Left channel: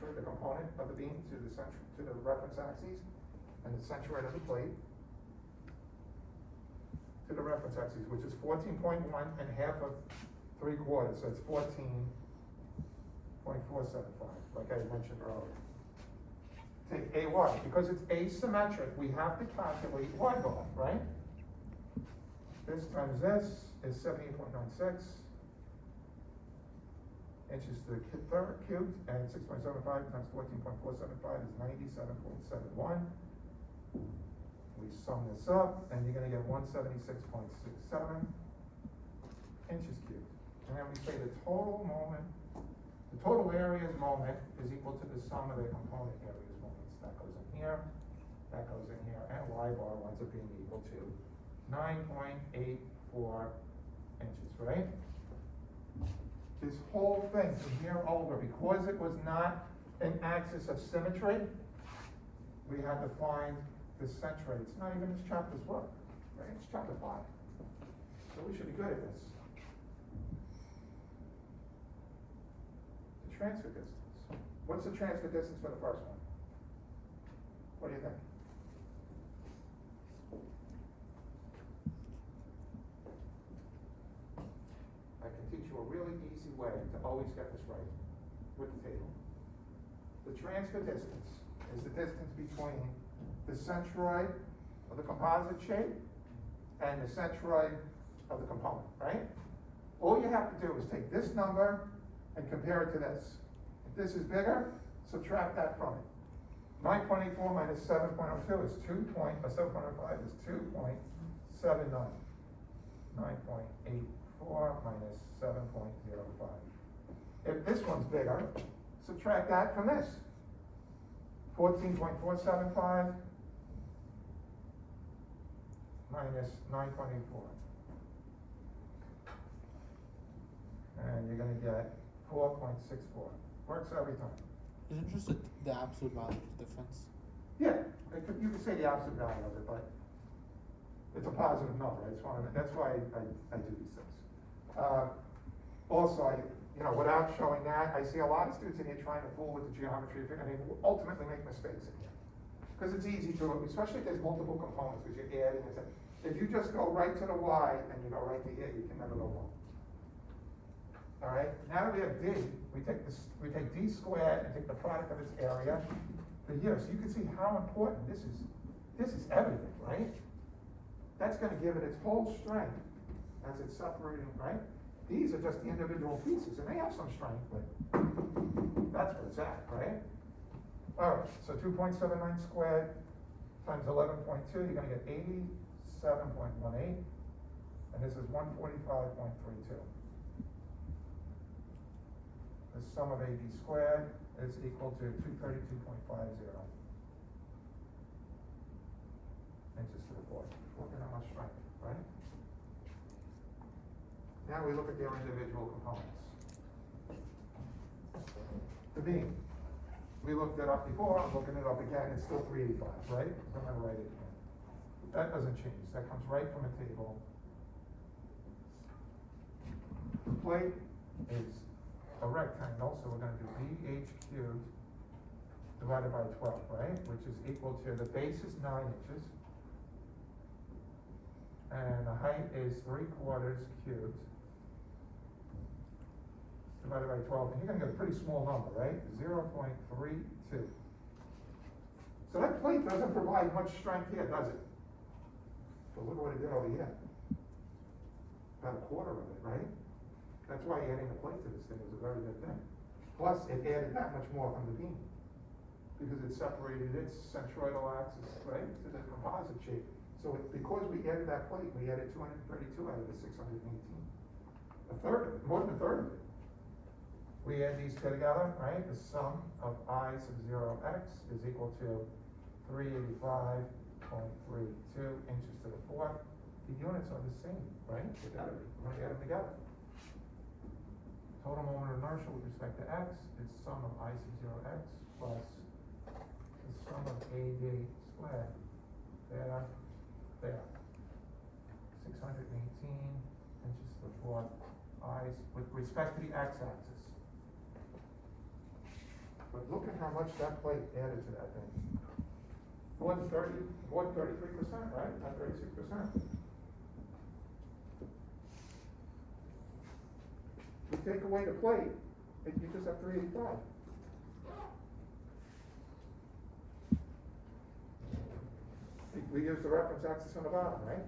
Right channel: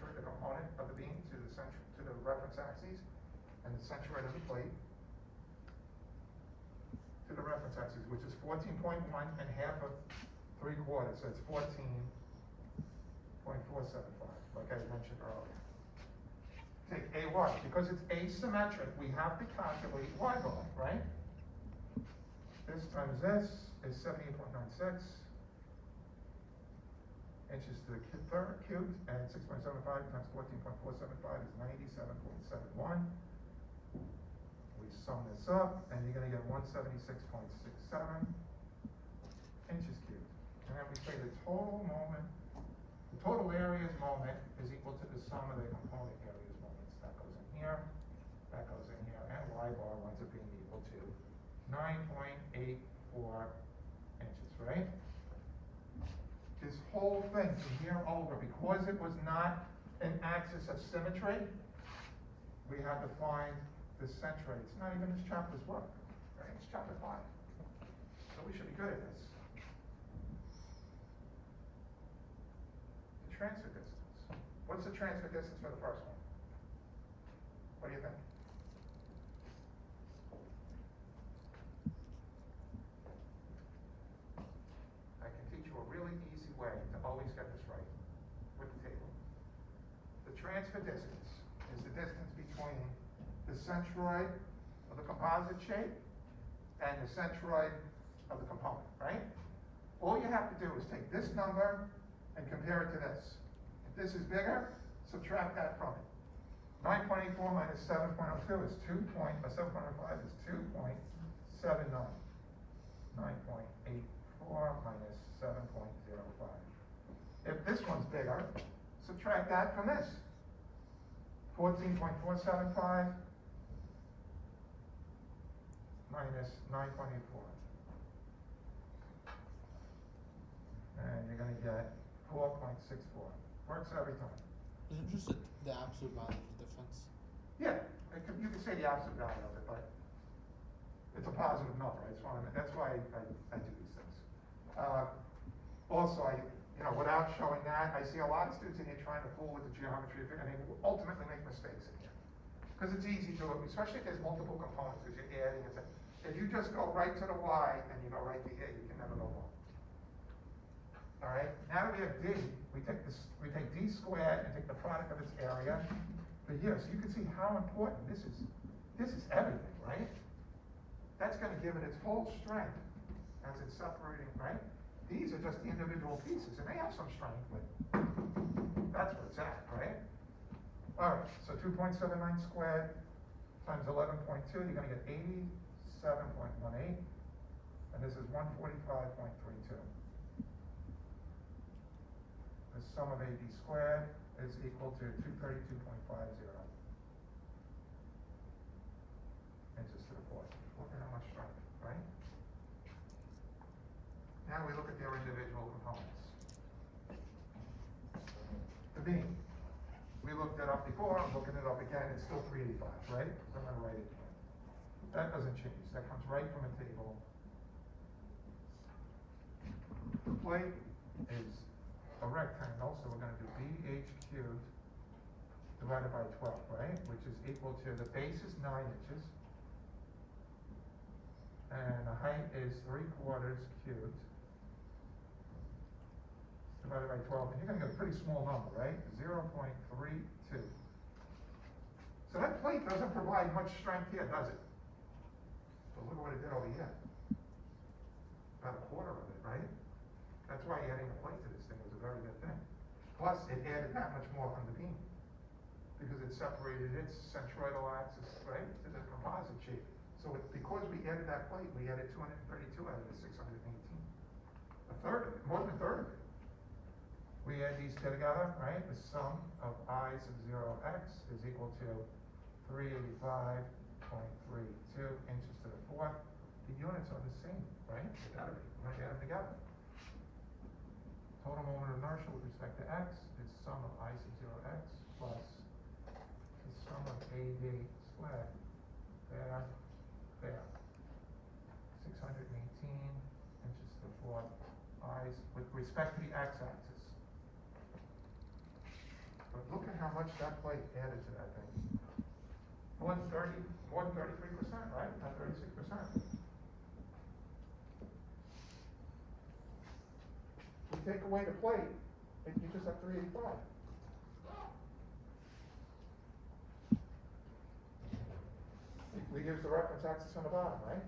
centroid, the component of the beam, to the reference axis, and the centroid of the plate to the reference axis, which is 14.1 and half of 3/4, so it's 14.475, like I mentioned earlier. Take AY, because it's asymmetric, we have to calculate Y bar, right? This times this is 78.96 inches to the third cubed, and 6.75 times 14.475 is 97.71. We sum this up, and you're going to get 176.67 inches cubed. And then we say the total moment, the total area's moment is equal to the sum of the component area's moments. That goes in here, that goes in here, and Y bar winds up being equal to 9.84 inches, right? This whole thing from here over, because it was not an axis of symmetry, we have to find the centroid. It's not even this chapter's work, right? It's chapter 5. So we should be good at this. The transfer distance. What's the transfer distance for the first one? What do you think? I can teach you a really easy way to always get this right with the table. The transfer distance is the distance between the centroid of the composite shape and the centroid of the component, right? All you have to do is take this number and compare it to this. If this is bigger, subtract that from it. 9.84 minus 7.02 is 7.05 is 2.79. 9.84 minus 7.05. If this one's bigger, subtract that from this. 14.475 minus 9.84. And you're going to get 4.64. Works every time. Isn't just the absolute value of the difference? Yeah, you could say the absolute value of it, but it's a positive number. That's why I do these things. Also, without showing that, I see a lot of students in here trying to fool with the geometry, and they will ultimately make mistakes in here. Because it's easy to, especially if there's multiple components, because you're adding and saying. If you just go right to the Y and you go right to here, you can never go wrong. All right, now that we have D, we take D squared and take the product of its area for here. So you can see how important this is. This is everything, right? That's going to give it its whole strength as it's separating, right? These are just individual pieces, and they have some strength, but that's where it's at, right? All right, so 2.79 squared times 11.2, you're going to get 87.18, and this is 145.32. The sum of AB squared is equal to 232.50 inches to the fourth. Look at how much strength, right? Now we look at their individual components. The beam. We looked it up before, I'm looking it up again, it's still 385, right? I'm going to write it again. That doesn't change, that comes right from a table. The plate is a rectangle, so we're going to do BH cubed divided by 12, right? Which is equal to, the base is 9 inches, and the height is 3/4 cubed divided by 12, and you're going to get a pretty small number, right? 0.32. So that plate doesn't provide much strength here, does it? But look at what it did over here. About a quarter of it, right? That's why adding the plate to this thing was a very good thing. Plus, it added that much more from the beam, because it separated its centroidal axis, right, to the composite shape. So because we added that plate, we added 232 out of the 618. A third of it, more than a third of it. We add these two together, right? The sum of I sub 0x is equal to 385.32 inches to the fourth. The units are the same, right? They gotta be. We're gonna add them together. Total moment of inertia with respect to x is sum of I sub 0x plus the sum of AD squared. There. 618 inches to the fourth. I with respect to the x-axis. So But look at how much that plate added to that thing. More than 33%, right? Not 36%. You take away the plate, you just have 385. We use the reference axis on the bottom, right?